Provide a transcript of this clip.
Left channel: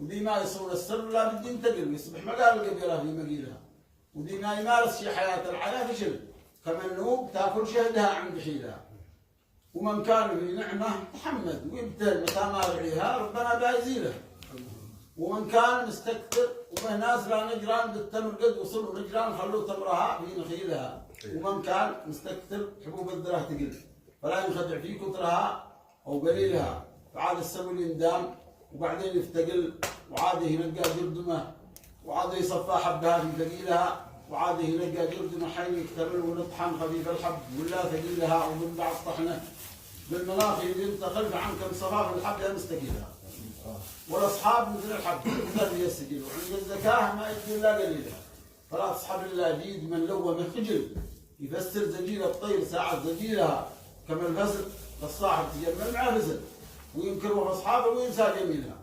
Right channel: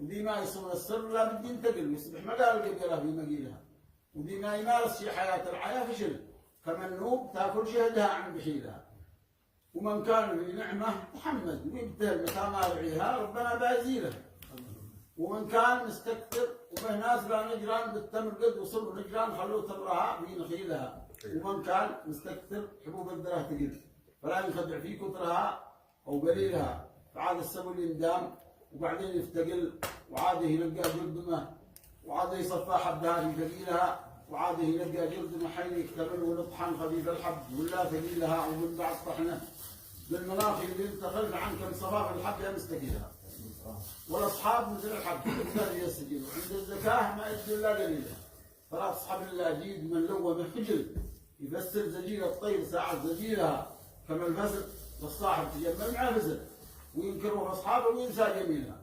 ودي ما يصون السر لا بدي ينتقل يصبح مقال القبيلة في مقيلها، ودي ما يمارس في حياة الحياة فشل كمنوب تاكل شهدها عن بحيلها. ومن كان في نعمة تحمد ويبتل متى ما رعيها ربنا بيزيله. ومن كان مستكثر وبه ناس لا نجران بالتمر قد وصلوا نجران خلوا تمرها في نخيلها. ومن كان مستكثر حبوب الذرة تقل فلا ينخدع في كثرها أو قليلها، فعاد السبل يندام وبعدين يفتقل وعاده يلقى جردمه وعاده يصفى حبها في ثقيلها، وعاده يلقى جردمه حين يكتمل ونطحن خفيف الحب ولا ثقيلها. ومن بعد طحنه بالمناخ ينتقل فعن كم صفاف الحب يا مستقيلها. والاصحاب مثل الحب مثل السجل، وعند الزكاه ما يدي الا قليلها. فلا تصحب الا جيد من لومه خجل، يفسر زجيل الطير ساعة زجيلها كما الفزل فالصاحب تجمل مع فزل، وينكره اصحابه وينسى جميلها.